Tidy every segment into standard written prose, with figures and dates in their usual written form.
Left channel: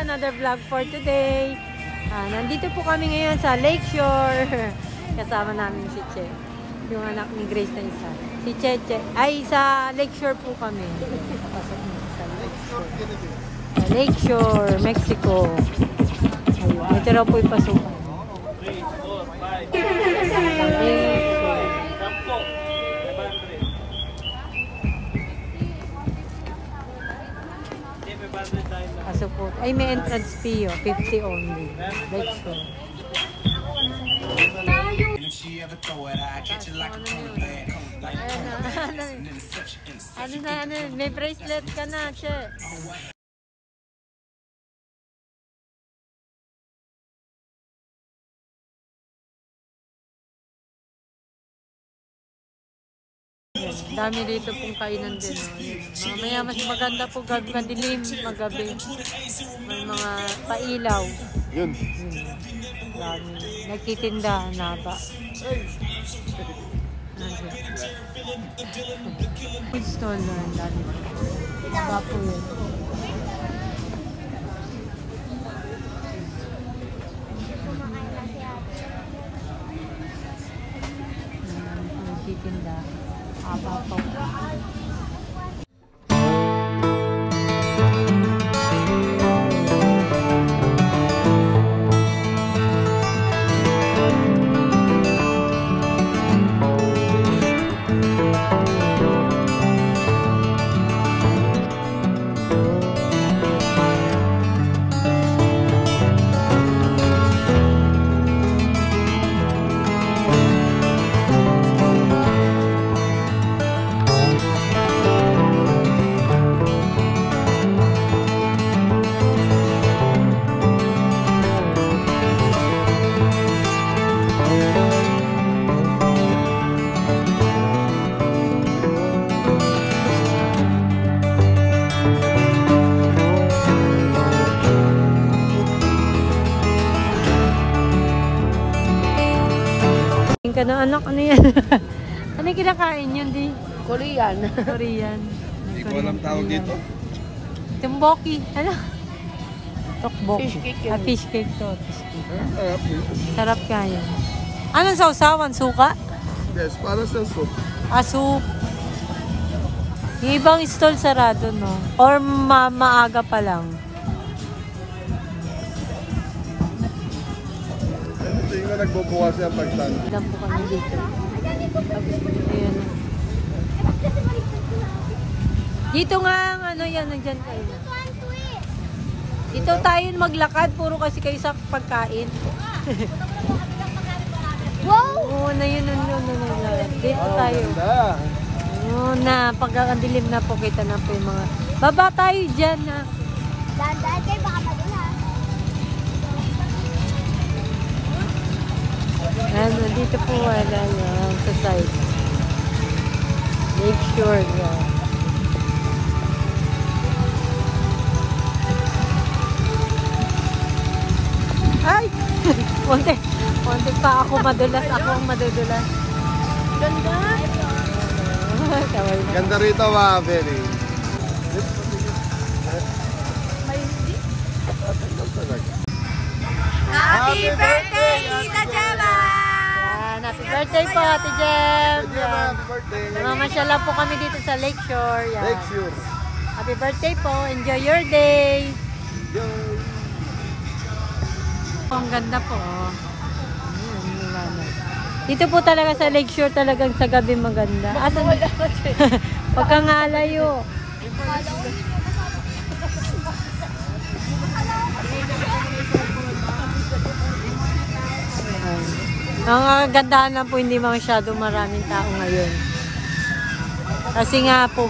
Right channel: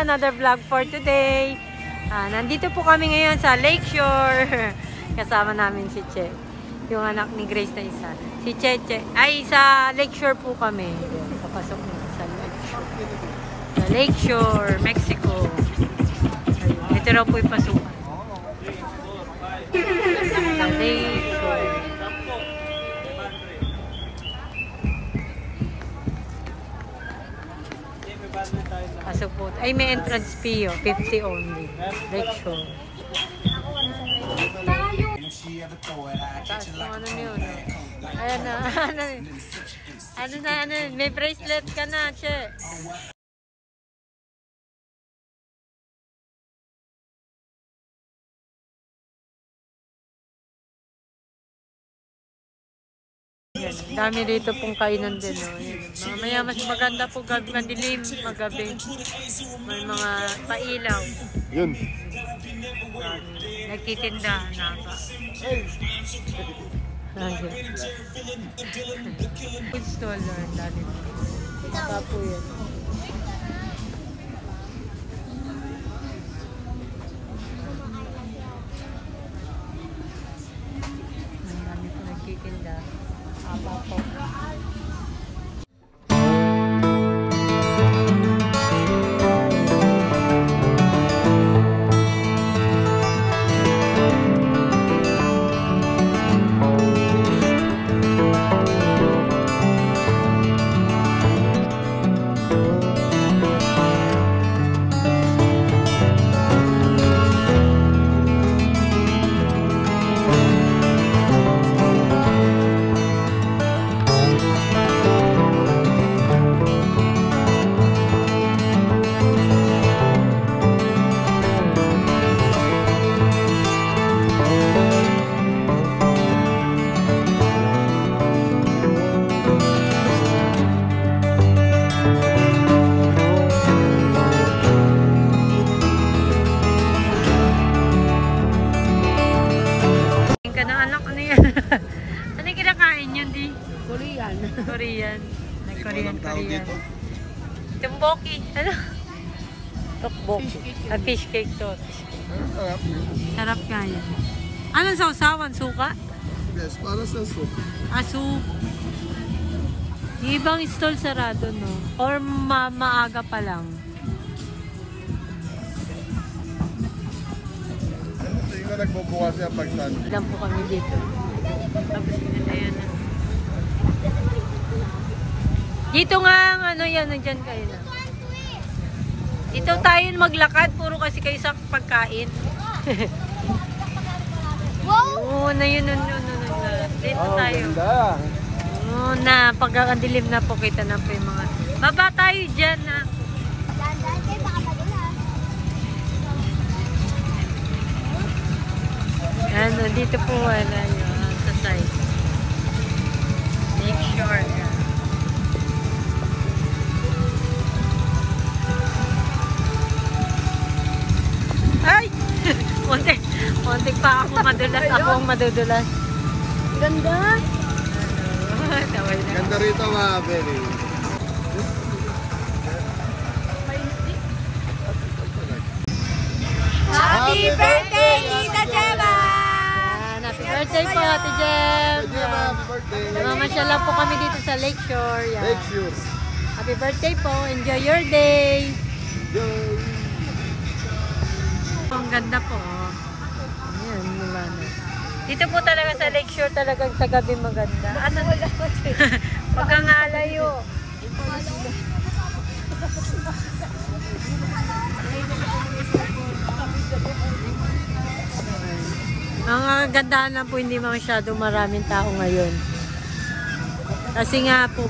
Another vlog for today. Nandito po kami ngayon sa Lakeshore. Kasama namin si Che. Yung anak ni Grace na isa. Si Cheche. Ay, sa Lakeshore po kami. Papasok mo sa Lakeshore. Sa Lakeshore, Mexico. Ayun. Ito raw po yung pasukan. Sa Lakeshore. Kaso po, ay may entrance fee, 50 only. Lakeshore. Ayan na, ano, may bracelet ka na, Che. Yan, dami dito pong kainan din, no? Yan, mamaya mas maganda po gabi, madilim, magabi. May mga pailaw. Yun. Dami. Nagtitinda na ba? Food stall, dami po. Maba po yun. Ang dami po nagtitinda. Aba po. Ka na anak, ano yan? Ano yung kinakain yan, di? Korean. Korean. Hindi ko alam tawag dito. Tumboki. Ano? Tokboki. Fish cake yan. Fish cake to. Sarap yun. Sarap ka yan. Anong sausawan? Suka? Yes, para sa soup. Soup. Yung ibang stall sarado, no? Or maaga pa lang. Ito yung nagbubukas yan pag Sunday. Ilan po kami dito. Tapos, ayun. Dito nga, ano yan, nandyan kayo na. Dito tayo maglakad, puro kasi kayo sa pagkain. Oo, na yun, dito tayo. Oo na, pag ang dilim na po, kita na po yung mga... Baba tayo dyan, ha. Daan kayo, baka madula. Ano, dito po wala yun, sa side. Make sure na. Ay! Konti pa ako madulas. Ako ang madudulas. Ganda. Kaway na. Ganda rito, Mabel. Happy birthday, Tita Gemma! Happy birthday po, Ate Gem! Happy birthday. Namamasyala po kami dito sa Lakeshore. Yan. Lakeshore. Happy birthday po. Enjoy your day. Enjoy. Ang ganda po. Oh. Ayan, liwanag. Dito po talaga sa Lakeshore talagang sa gabi maganda. Asan? Huwag kang alayo. Ang gandahan lang po, hindi masyado maraming tao ngayon. Kasi nga po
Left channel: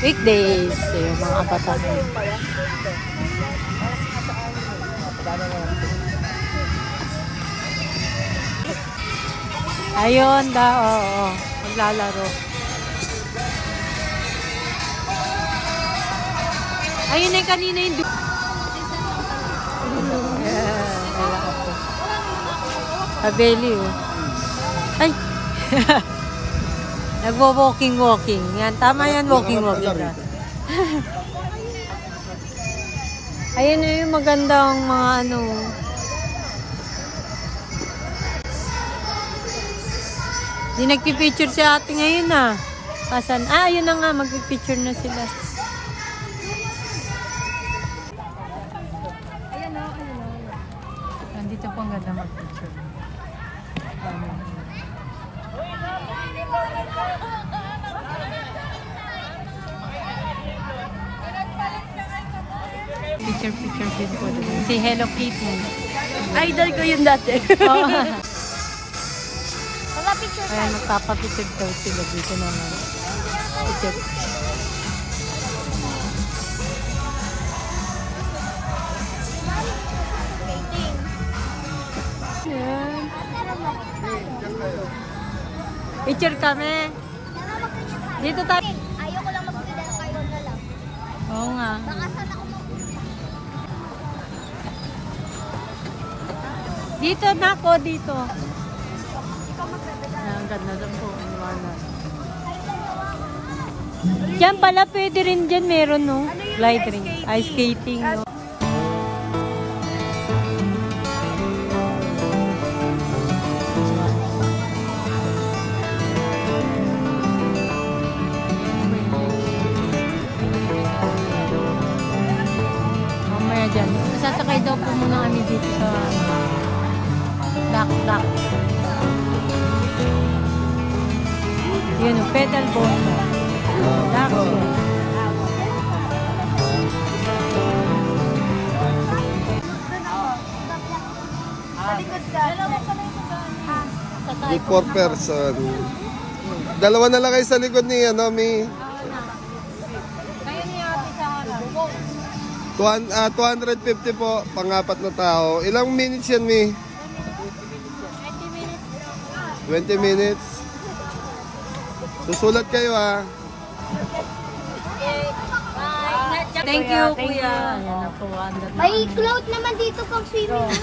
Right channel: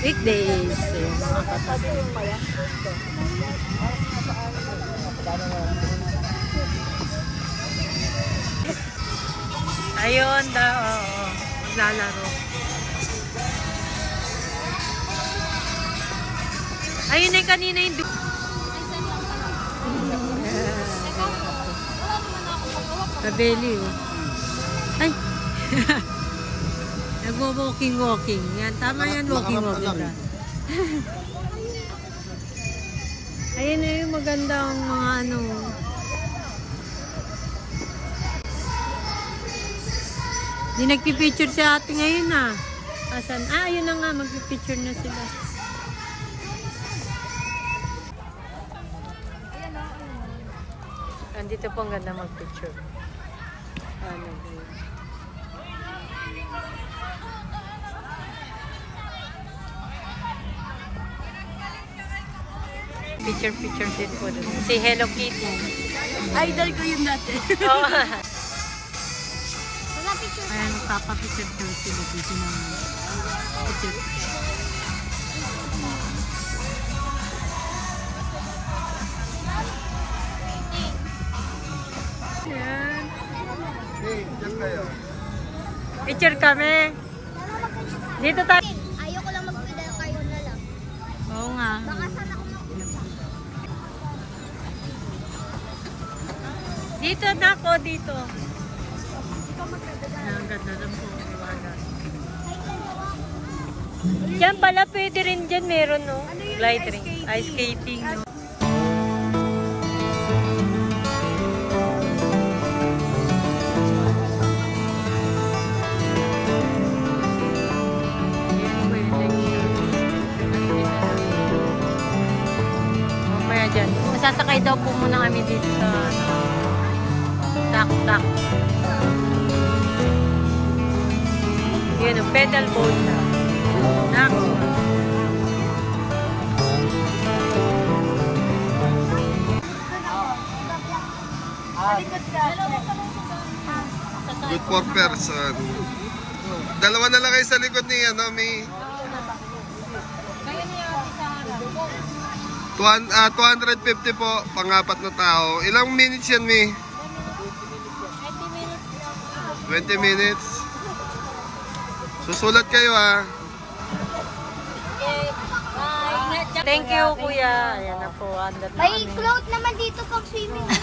weekdays, yung mga kabataan. Ayun, oo, maglalaro. Ayun na kanina yung kailangan po. Kabeli, oh. Ay! Nagwo-walking. Yan, tama yan, walking. Ayan na yung magandang mga ano. Di nagpipicture si ate ngayon ah. Asan? Ah, yun na nga. Magpipicture na sila. Ayan o, ayan o. Nandito po ang ganda magpicture. Picture din po. Si Hello Kitty. Idol ko yun dati. Oo. Ayan, magpapapicture daw sila dito naman. Picture. Ayan. Diyan kayo. Picture kami. Dito tayo. Ayoko lang magpila ng kayo na lang. Oo nga. Dito na ako, dito. Ang ganda na po. Liwanag. Diyan pala, pwede rin dyan. Meron, no? Light ring. Ice skating, no? Mamaya dyan. Masasakay daw po muna kami dito sa duck. Yan o, pedal boat na. Duck. Good for person. Dalawa na lang kayo sa likod ni Mi. Kaya niya sa harap. 250 po, pang-apat na tao. Ilang minutes yan, Mi? 20 minutes. Susulat kayo, ha? Thank you, kuya. Ayan na po. Andad na Ay, kami. float naman dito pang swimming.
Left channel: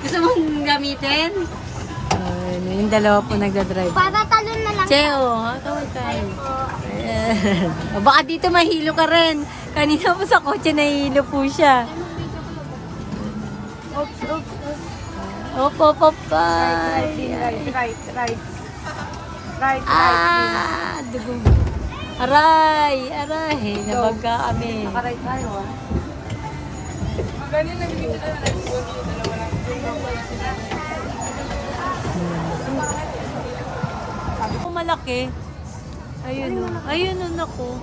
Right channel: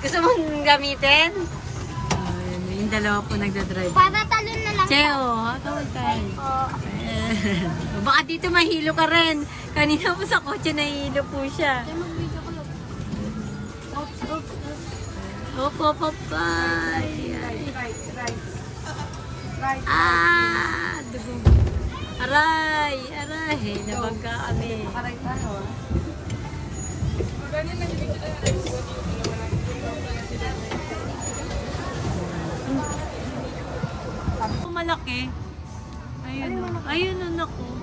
Gusto mong gamitin? Yung dalawa po nagdadrive. Para talon na lang. Cheo, kaway tayo. Ayan. Baka dito mahilo ka rin. Kanina po sa kotse nahihilo po siya. Oops, oops, oops. Op, bye. Right. Dugo. Aray, nabaga kami. Right tayo, ah. Malaki. Ayun o, naku.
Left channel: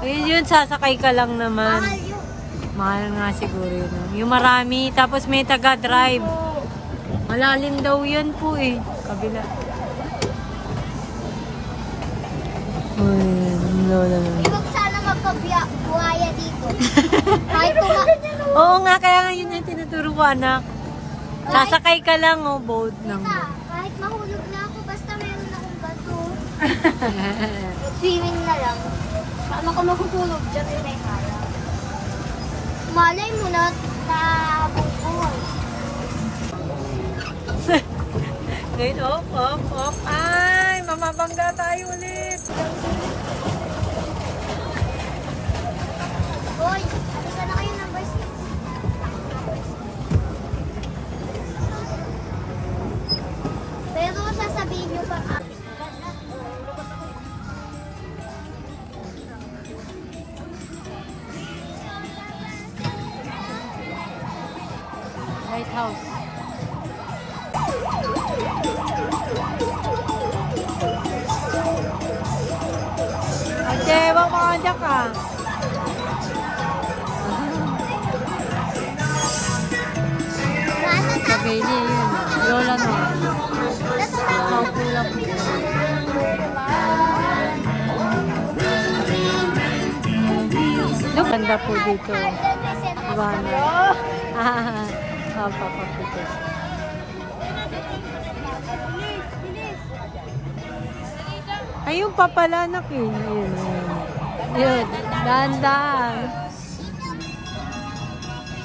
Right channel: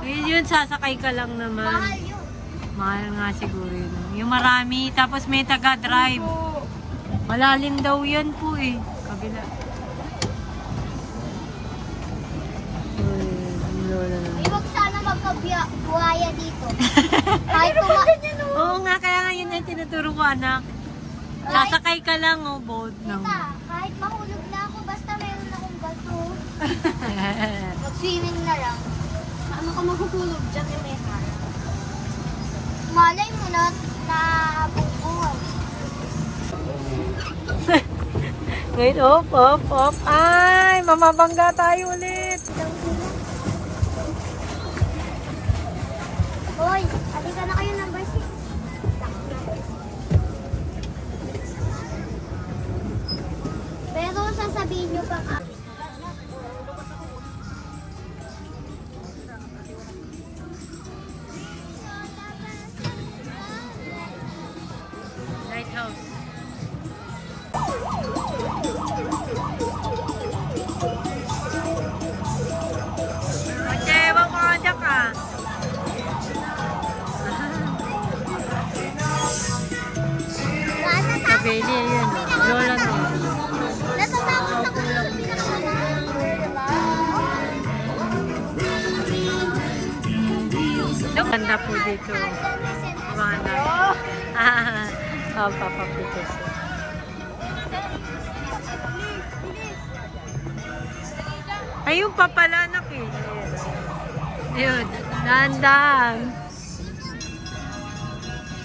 Ayun yun, sasakay ka lang naman. Mahal yun. Mahal nga siguro yun. No? Yung marami, tapos may taga-drive. Malalim daw yun po eh. Kabila. Lola. Huwag sana magkabuhaya dito. Kahit Oo nga, kaya nga yun yung tinuturo ko, anak. Sasakay ka lang, boat ng boat. kahit mahulog na ako, basta meron akong bato. Swimming na lang. Saan ako mahuhulog? Diyan yun ay kaya. Malay mo na buhay. Ngayon, op. Ay, mamabangga tayo ulit. Hoy, halika na kayo number 6. Pero sasabihin nyo pag... Lighthouse. Okay, wag mo dyan ka. Sa Bailey, yun. Lola no. Paupo lang po siya. Ganda po dito. Liwanag. Papapapito siya. Ayun pa pala, anak eh. Ayun, dahan-dahan.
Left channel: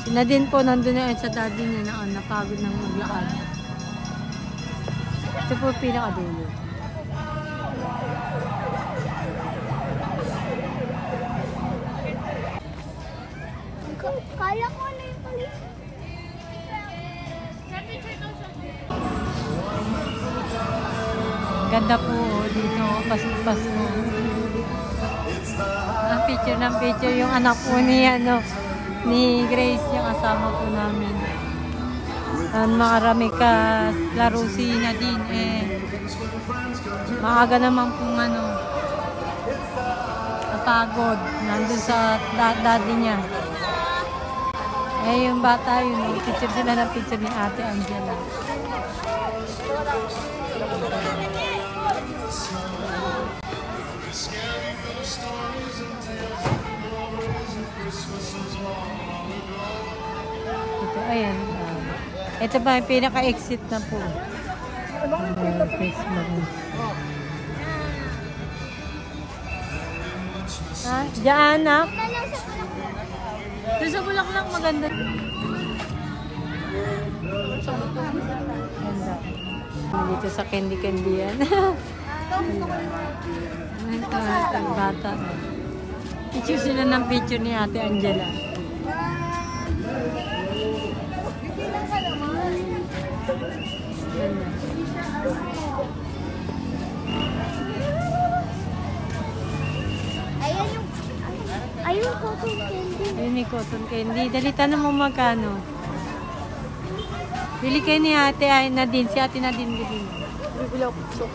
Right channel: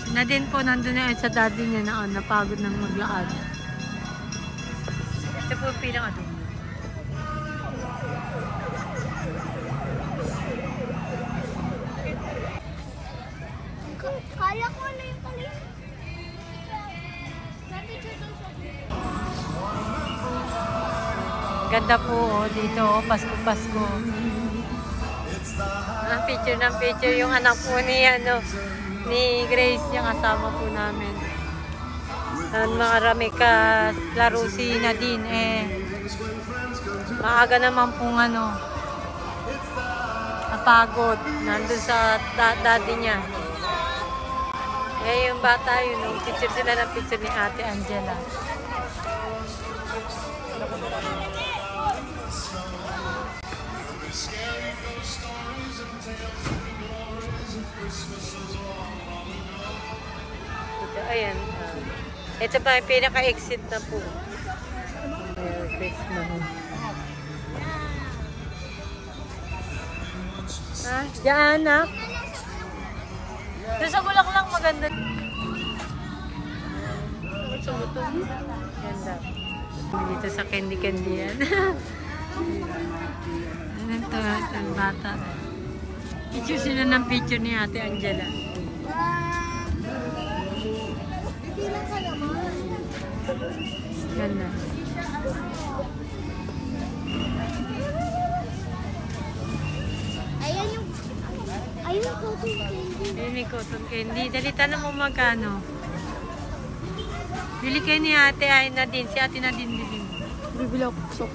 Sina din po, nandun na sa daddy niya na napagod ng maglakad. Ito po pinakadulo. Kala ko ano Ganda po dito, Pasko. Picture ng picture yung anak po ni Grace, yung kasama po namin. Marami ka laro si Nadine maaga naman pong napagod nandun sa daddy niya. Yung bata yun, picture sila ng picture ni Ate Angela. Ayan. Ito ba yung pinaka-exit na po? Diyan na. Doon sa Bulaklak maganda. Ganda. Dito sa candy yan. Ito, ang bata. Picture sila ng picture ni Ate Angela. Ganda. Ayun, cotton candy. Dali, tanong mo magkano. Bili kayo ni Ate Nadine. Si Ate Nadine bili. Bibili ako.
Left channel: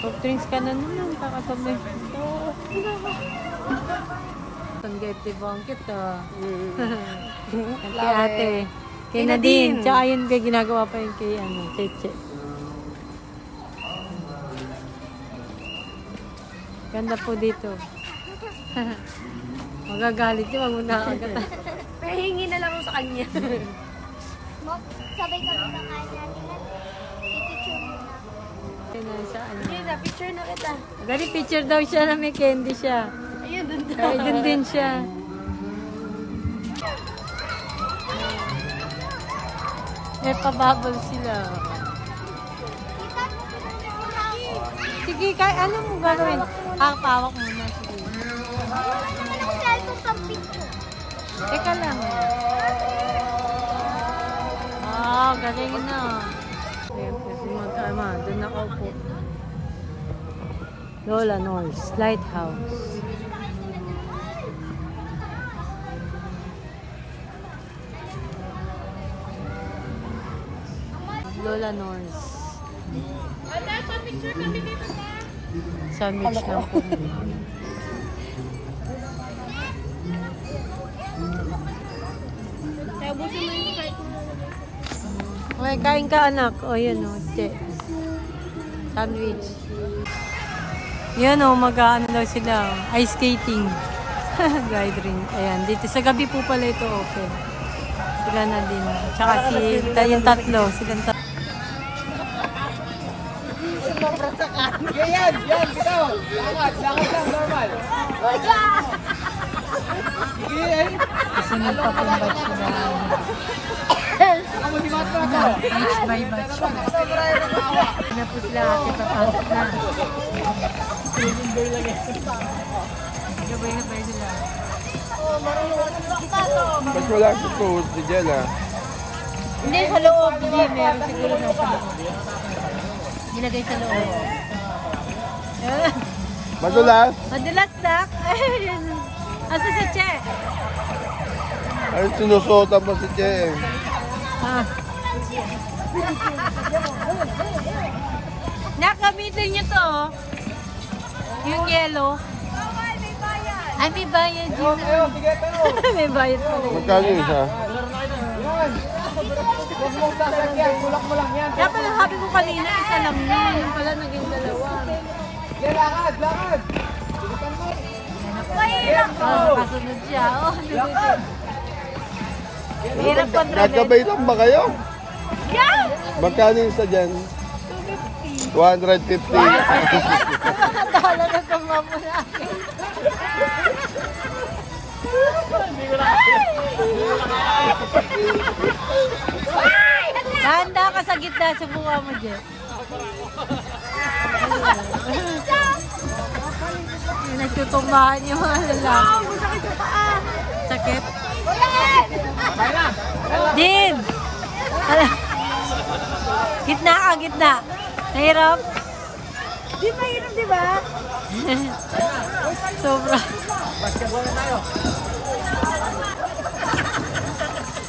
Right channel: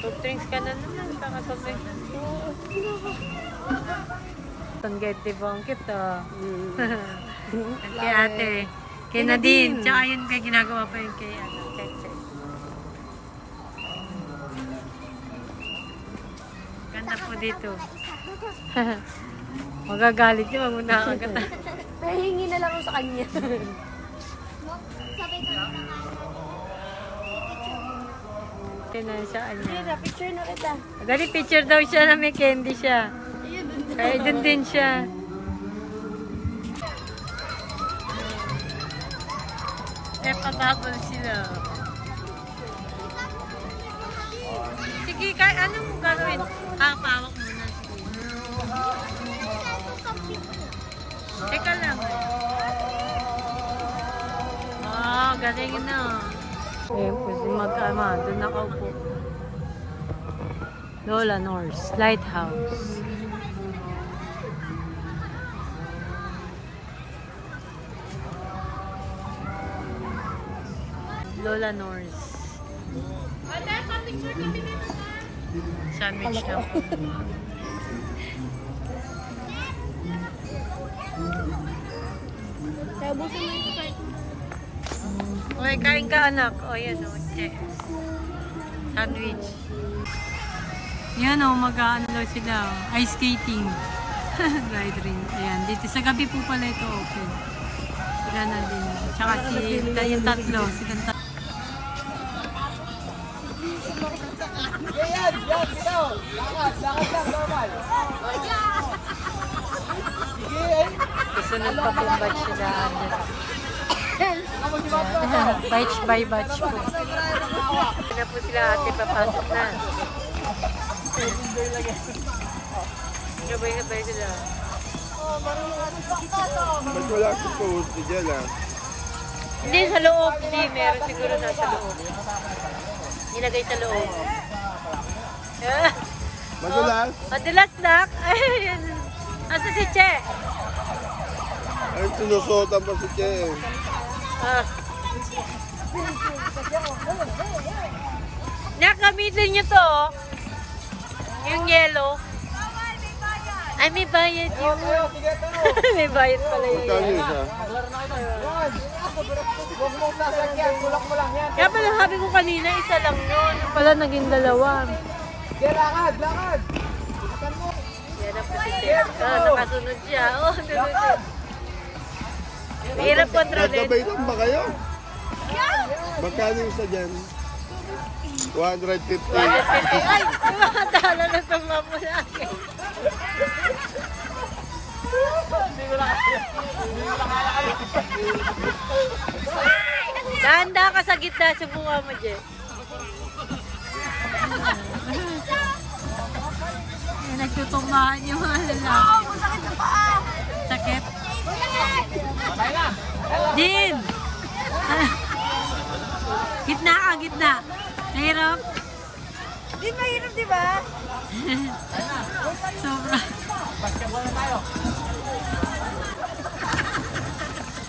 Soft drinks ka na naman. Takatamay. Tanggete bangkit kay Ate. Kay Nadine. Tsaka yun ginagawa pa yung kay Cheche. Ganda po dito. Magagalit yun. Wag mo nakakagata. Pahingi na lang sa kanya. Sabay kami ng Tinan siya. picture na kita. Agad picture daw siya na may candy siya. Ay, dun din siya. May pababol sila. Sige, anong gagawin? Pawak muna. Teka lang. Galing na. Ayan po si mag-ama. Doon nakaupo. Lola North Lighthouse. Lola North. Sandwich lang po. Kaya busin mo yung Sprite mo. Okay, kain ka anak. O yun o. Sandwich. Yan o, mag-ano daw sila. Ice skating. Gliding. Ayan, dito sa gabi po pala ito open. Sila na din. Tsaka yung tatlo. Silang tatlo. Yan, bitaw. Lakad lang, normal. Sige, ay. Kasunod pa pong batch na. Batch by batch po. Ito na po sila ate, papasok na. Gabay-gabay sila. Wala si food si Jenna. Hindi, sa loob. Hindi, meron siguro nasa loob. Nilagay sa loob. Madulas? Madulas lang. Asa si Che? Ay, sinusota pa si Che. Nakamitin nyo to. Yung yellow. Bawal, may bayad. Ay, may bayad yun. May bayad pala yun. Magkano isa? Kaya pala sabi ko kanina, isa lang yun. Yung pala naging dalawa. Lakad. Yan ako. Nakasunod siya. Nunod siya. Mahirap kontrolin. Nagkabaitan ba kayo? Yeah! Magkano isa dyan? 150. Ay, dala na ka mamula. Handa ka sa gitna sa buka mo, Jeff. Nagtutumbahan yung mga lalaki. Sakit sa paa. Sakit? Din! Gitna ka, gitna. Nahirap? Di pa inom, di ba? Sobra.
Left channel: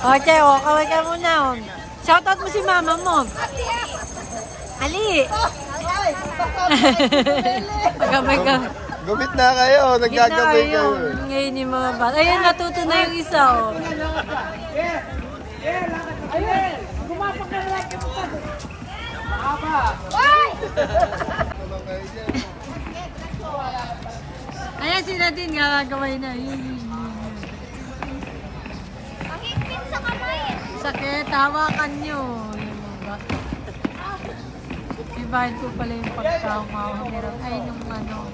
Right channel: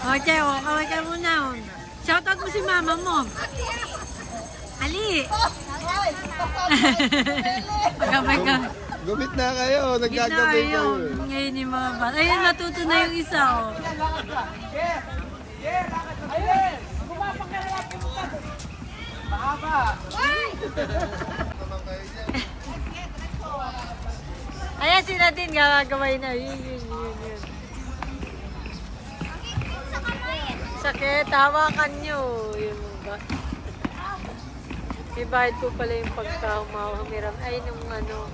Okay, kaway ka muna. Shoutout mo si mama mo. Ali! Pagkabay ka. Gumit na kayo. Gitna Nagkagabay kayo. Ngayon yung mga bata. Ayun, natuto na yung isa. Oh. Ayan si Nadine, gagaway na. Yun. Ang higpit sa kamay. Sakit, hawakan nyo. Yun, ibahid ko pala yung pagkahumahumiram. Ay, nung ano,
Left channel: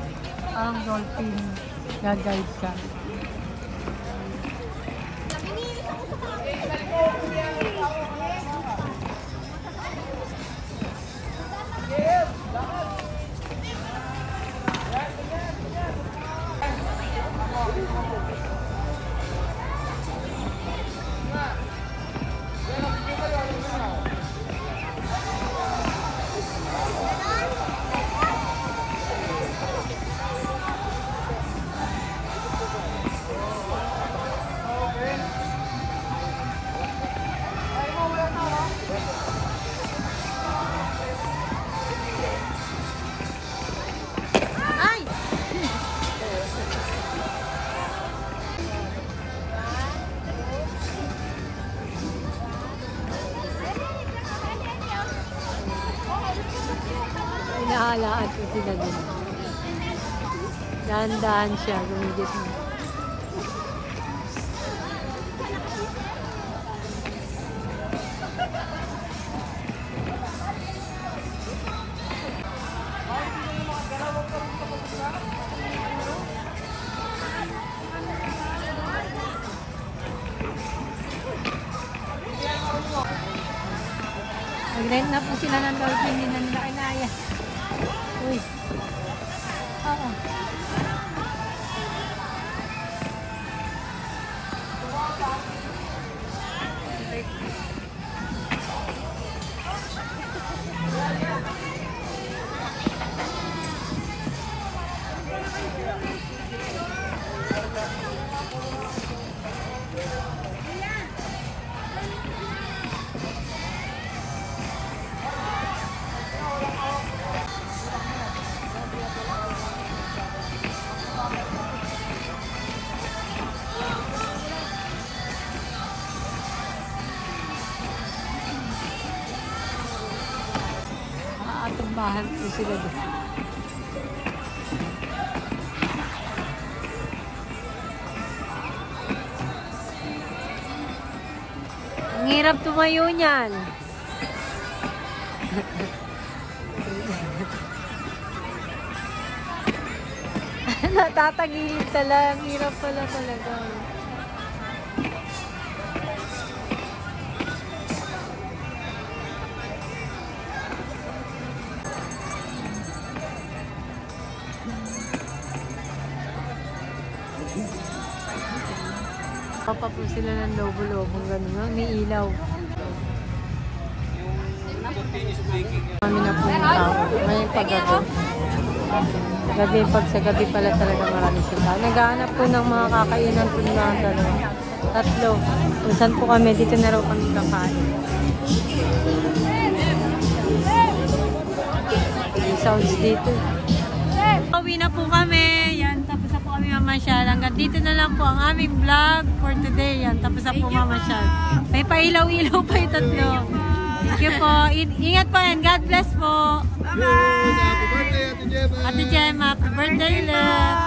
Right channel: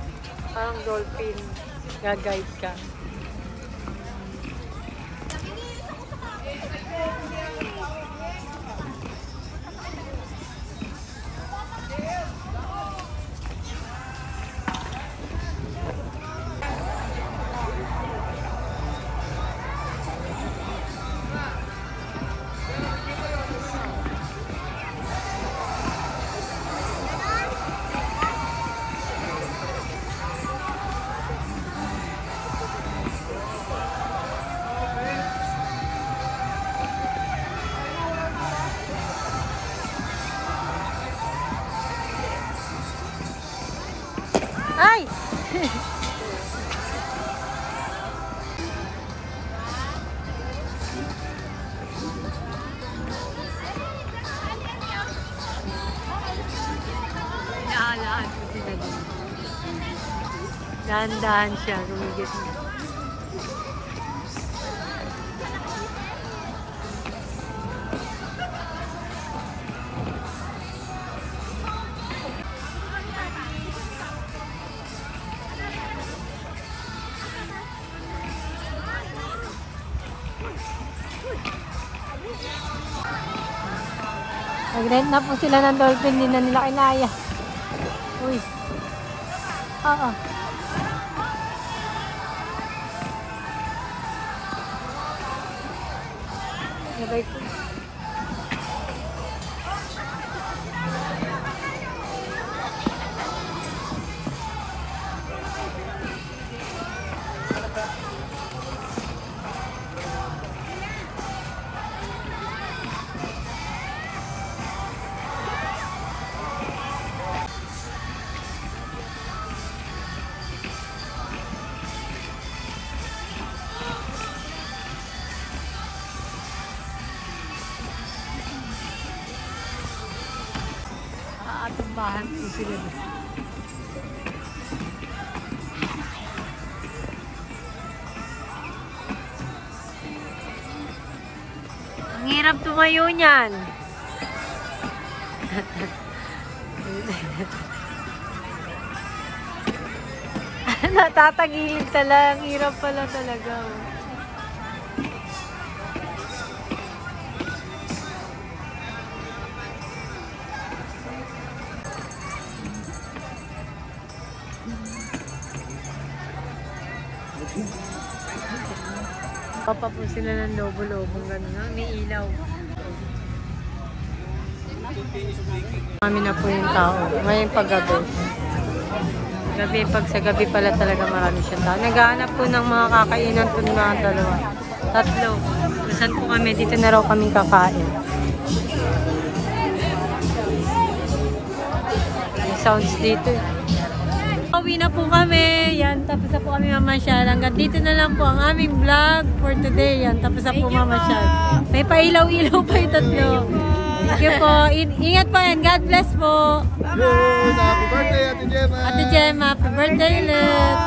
parang dolphin. Gagayad ka. Ay! Inahalaan po sila din. Dahan-dahan siya, gumigit na. Nag-rent na po sila ng dolphin, hindi na nila kinaya. Uy. Oo. Sabay ko. Atumbahan po sila doon. Ang hirap tumayo niyan. Natatagilid talaga. Ang hirap pala talaga. Papa po sila ng lobo-lobong gano'n nga, may ilaw. Kami na po yung tao. Ngayon paggabi. Gabi, pag sa gabi pala talaga marami siyang tao. Naghahanap po ng mga kakainan po na dalawa. Tatlo. Kung saan po kami, dito na raw kaming kakain. May sounds dito. Uwi na po kami. Yan, tapos na po kami mamasyal. Hanggang dito na lang po ang aming vlog for today. Yan, tapos na po mamasyal. May pailaw-ilaw pa yung tatlo. Thank you po. Ingat po yan. God bless po. Bye-bye! Happy birthday, Ate Gemma! Ate Gemma, happy birthday ulit!